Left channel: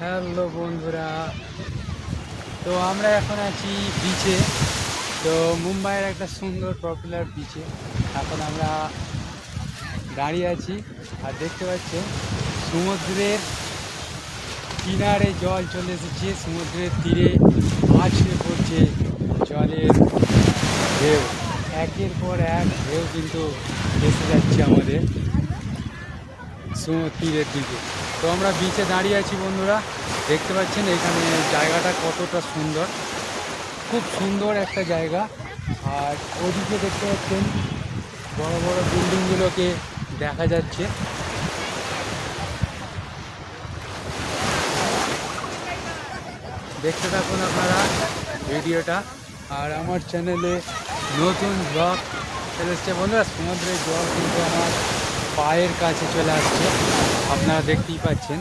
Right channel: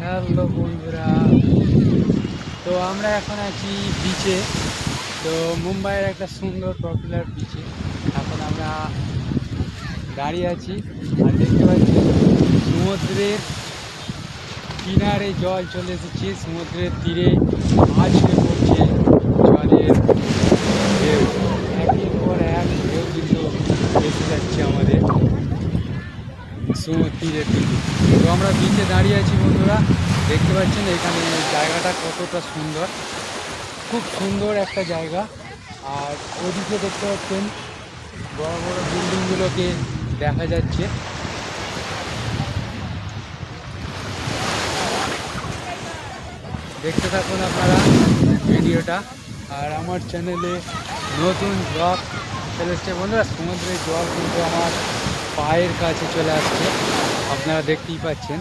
Hello বন্ধুরা। তো আমরা এখন আছি বিচে তো মুম্বাইয়ের একটা সুন্দর পপুলার বিচে এখন আমরা দাঁড়িয়ে আছি আর দেখতে পাচ্ছি সমুদ্রের কিনারে জল চলে এসেছে। সমুদ্রের তীরে আছড়ে পড়ছে জলের ঢেউ। একের পর এক ঢেউ কিন্তু এসে যাচ্ছে আমাদের। তীরের দিকে তো আমরা বিচে দাঁড়িয়ে আছি বন্ধুরা। দেখতে পাচ্ছেন এখানে জায়গাটা কতটা সুন্দর। খুব সুন্দর একটা জায়গা। আর ওদিকে দেখতে পাচ্ছেন বড় বড় বিল্ডিংগুলোকে দেখা যাচ্ছে। দেখতে থাকুন আপনারা ভিডিওটা। আর আমার চ্যানেলে নতুন ব্লগ চলে এসছে। বন্ধুরা, সমুদ্রের জল কিন্তু আমার পায়ের কাছে চলে আসছে। আপনারা দেখতেই পাচ্ছেন।